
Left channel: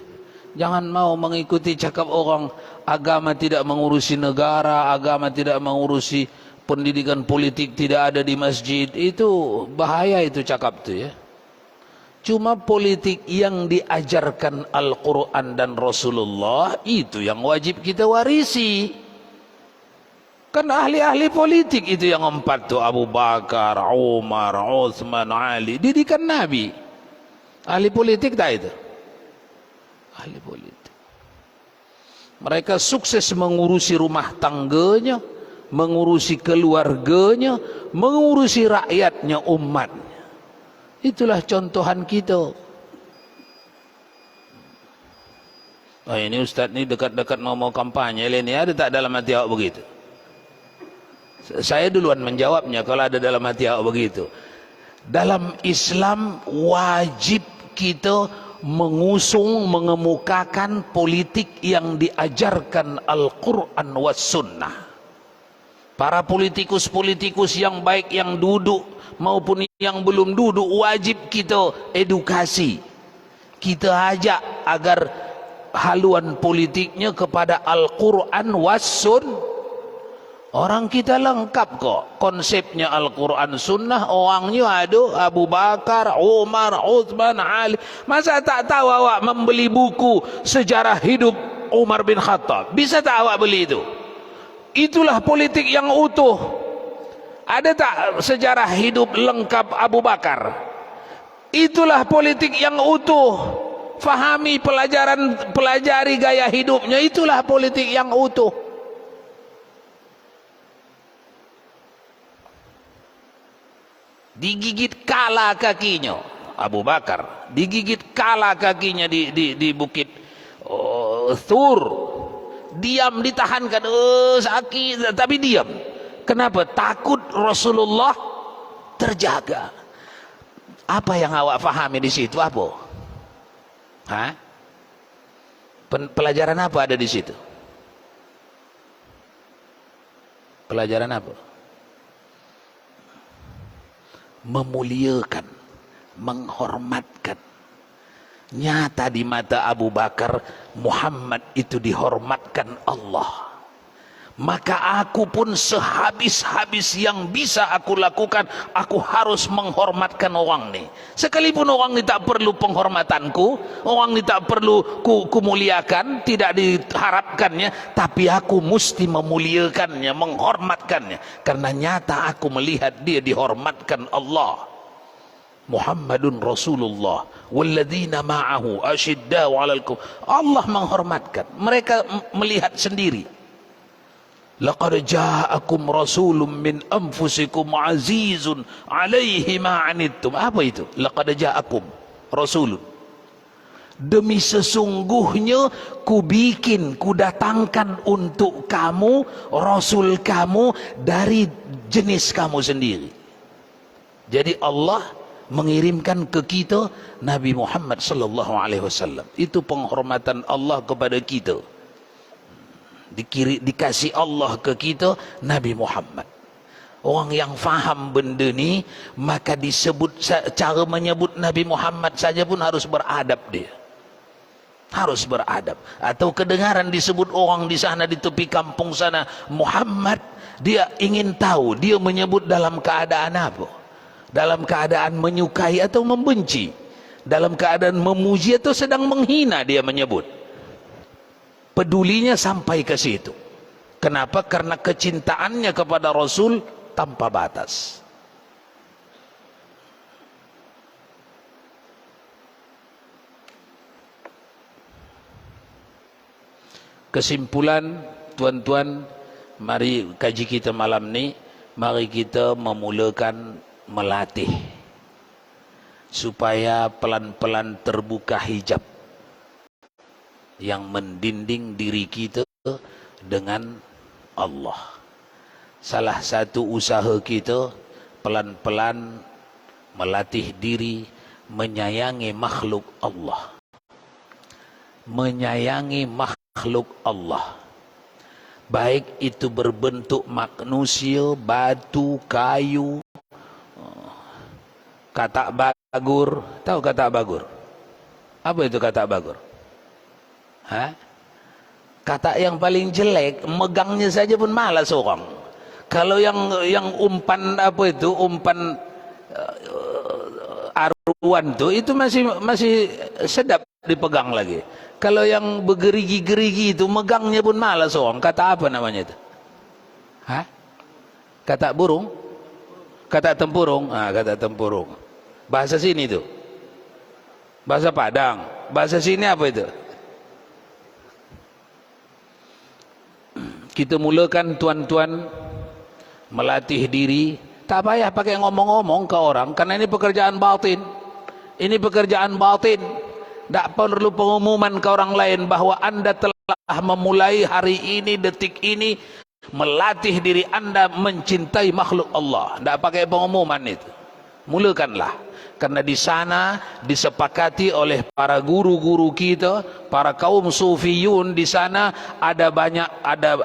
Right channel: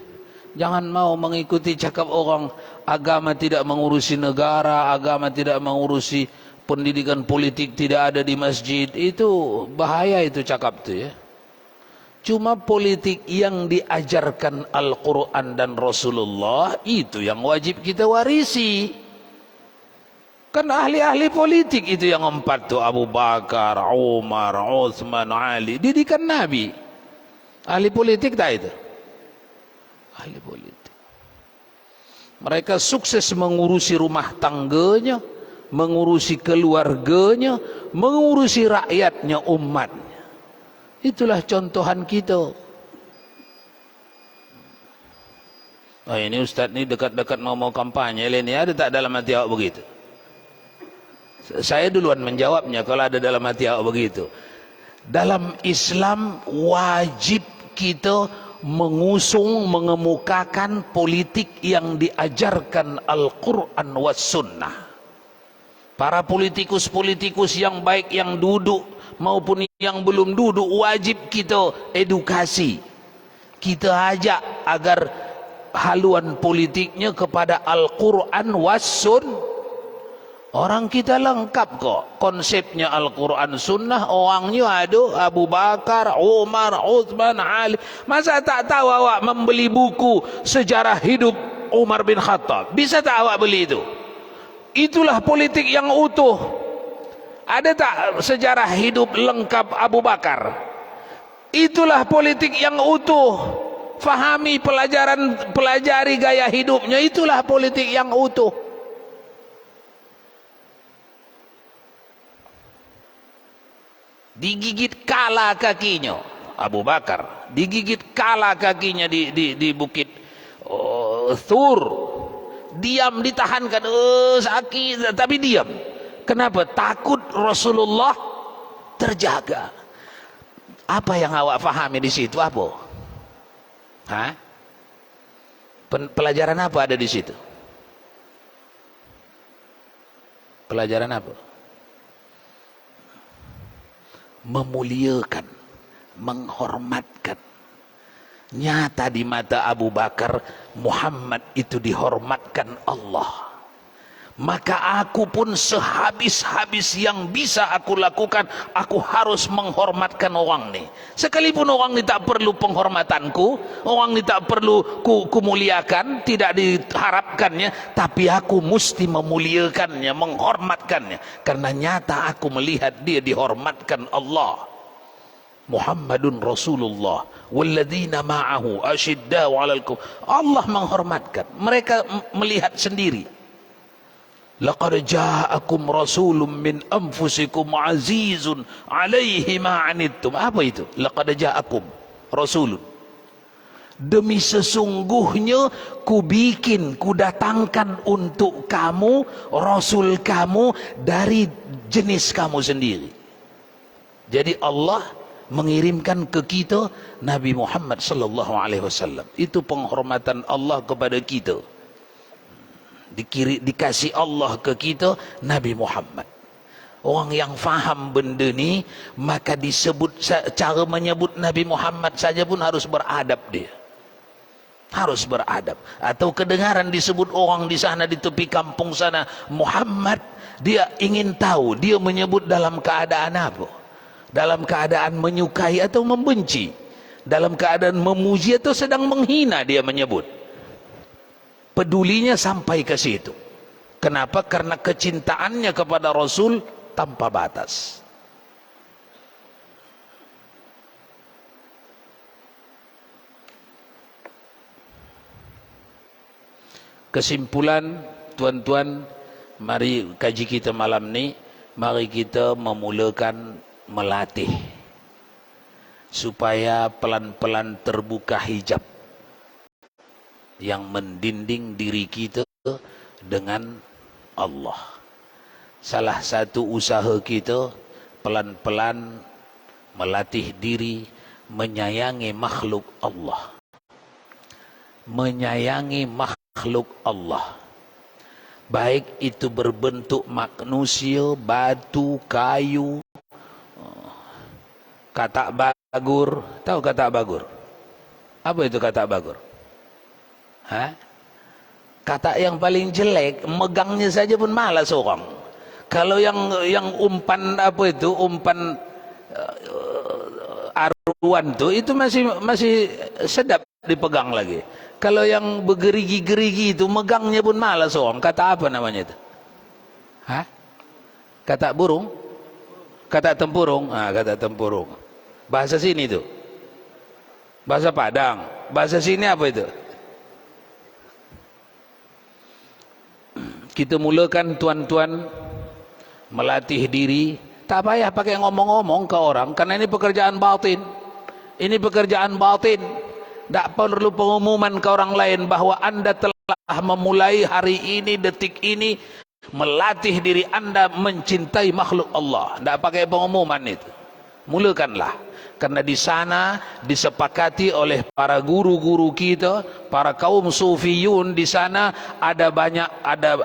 jangan mau mengikuti cakap orang agama tidak mengurusi negara, agama tidak mengurusi pendidikan politik, tidak ada di masjid. Itu bahaya itu cakap tu ya. Cuma politik yang diajarkan Al-Quran dan Rasulullah itu yang wajib kita warisi. Kan ahli-ahli politik itu yang 4 tu, Abu Bakar, Umar, Uthman, Ali, didikan Nabi. Ahli politik tak itu? Ahli politik. Mereka sukses mengurusi rumah tangganya, mengurusi keluarganya, mengurusi rakyatnya, umatnya. Itulah contohan kita. Nah ini Ustaz ni dekat-dekat mau kampanye ini ada tak dalam hati awak begitu? Saya duluan menjawabnya kalau ada dalam hati awak begitu. Dalam Islam wajib kita mengusung, mengemukakan politik yang diajarkan Al-Quran was Sunnah. Para politikus-politikus yang baik yang duduk maupun yang belum duduk wajib kita edukasi. Kita ajak agar haluan politiknya kepada Al-Quran was Sunnah. Orang kita lengkap kok konsepnya Al-Quran Sunnah. Orangnya ada Abu Bakar, Umar, Uthman, Ali. Masa tak tahu awak membeli buku sejarah hidup Umar bin Khattab? Bisa tak awak beli itu? Itulah politik yang utuh. Ada tak sejarah hidup lengkap Abu Bakar? Itulah politik yang utuh. Fahami pelajari gaya hidupnya. Itulah politik yang utuh. Digigit kala kakinya Abu Bakar, digigit kala kakinya di bukit Thur. Diam, ditahankan, sakit tapi diam. Kenapa? Takut Rasulullah terjaga. Apa yang awak fahami di situ? Apa? Hah? Pelajaran apa ada di situ? Pelajaran apa? Memuliakan, menghormatkan. Nyata di mata Abu Bakar, Muhammad itu dihormatkan Allah. Maka aku pun sehabis-habis yang bisa aku lakukan, aku harus menghormatkan orang ni. Sekalipun orang ni tak perlu penghormatanku, orang ni tak perlu ku muliakan, tidak diharapkannya, tapi aku mesti memuliakannya, menghormatkannya. Karena nyata aku melihat dia dihormatkan Allah. Muhammadun Rasulullah walladzina ma'ahu asyiddau 'alal kufar. Allah menghormatkan. Mereka melihat sendiri. Laqad ja'akum rasulun min anfusikum azizun 'alaihi ma 'anittum. Apa itu? Laqad ja'akum rasulun. Demi sesungguhnya ku datangkan untuk kamu rasul kamu dari jenis kamu sendiri. Jadi Allah mengirimkan ke kita Nabi Muhammad sallallahu alaihi wasallam. Itu penghormatan Allah kepada kita. Dikasih Allah ke kita Nabi Muhammad. Orang yang faham benda ni, maka disebut, cara menyebut Nabi Muhammad saja pun harus beradab dia. Harus beradab. Atau kedengaran disebut orang di sana, di tepi kampung sana, Muhammad, dia ingin tahu, dia menyebut dalam keadaan apa? Dalam keadaan menyukai atau membenci? Dalam keadaan memuji atau sedang menghina dia menyebut? Pedulinya sampai ke situ. Kenapa? Karena kecintaannya kepada Rasul tanpa batas. Kesimpulan, tuan-tuan, mari kaji kita malam ni, mari kita memulakan melatih supaya pelan-pelan terbuka hijab yang mendinding diri kita dengan Allah. Salah satu usaha kita pelan-pelan melatih diri menyayangi makhluk Allah. Menyayangi makhluk Allah. Baik itu berbentuk manusia, batu, kayu, katak bagur. Tahu katak bagur? Apa itu katak bagur? Kata yang paling jelek, megangnya saja pun malas orang. Kalau yang umpan apa itu, umpan aruan itu masih sedap dipegang lagi. Kalau yang bergerigi-gerigi itu, megangnya pun malas orang. Kata apa namanya itu? Kata burung? Kata tempurung? Kata tempurung. Bahasa sini itu. Bahasa Padang. Bahasa sini apa itu? Kita mulakan tuan-tuan melatih diri. Tak payah pakai ngomong-ngomong ke orang, karena ini pekerjaan batin. Ini pekerjaan batin. Tak perlu pengumuman ke orang lain bahawa anda telah memulai hari ini, detik ini, melatih diri anda mencintai makhluk Allah. Tak pakai pengumuman itu. Mulakanlah. Karena di sana disepakati oleh para guru-guru kita, para kaum sufiyun di sana ada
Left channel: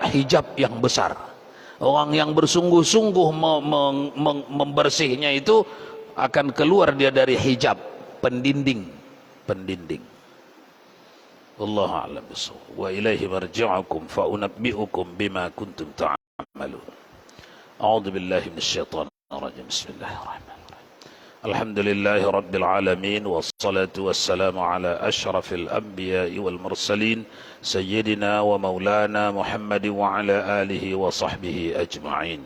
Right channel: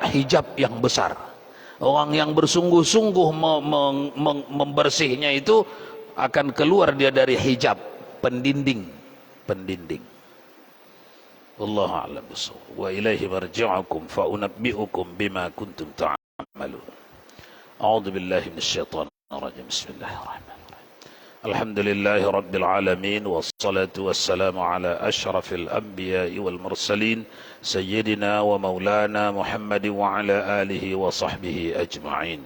hijab yang besar. Orang yang bersungguh-sungguh membersihnya itu akan keluar dia dari hijab pendinding. Wallahu a'lam bissawab. Wa ilaihi marji'ukum fa unabbi'ukum bima kuntum ta'malun. A'udzu billahi minasyaitonir rajim. Bismillahirrahmanirrahim. الحمد لله رب العالمين والصلاة والسلام على أشرف الأنبياء والمرسلين سيدنا ومولانا محمد وعلى آله وصحبه أجمعين.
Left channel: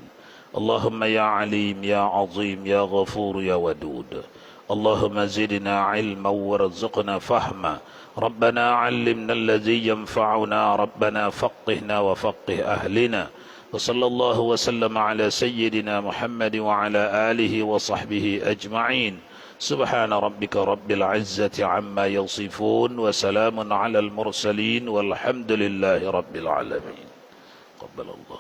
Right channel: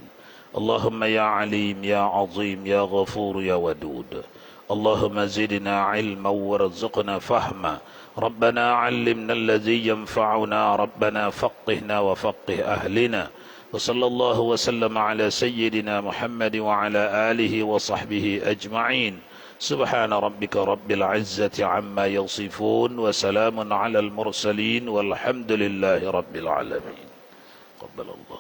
اللهم يا عليم يا عظيم يا غفور يا ودود، اللهم زدنا علما وارزقنا فهما، ربنا علمنا الذي ينفعنا، ربنا فقهنا وفقه أهلنا، وصلى الله وسلم على سيدنا محمد وعلى آله وصحبه أجمعين. سبحان ربك رب العزة عما يصفون وسلام على المرسلين والحمد لله رب العالمين. قبل الله.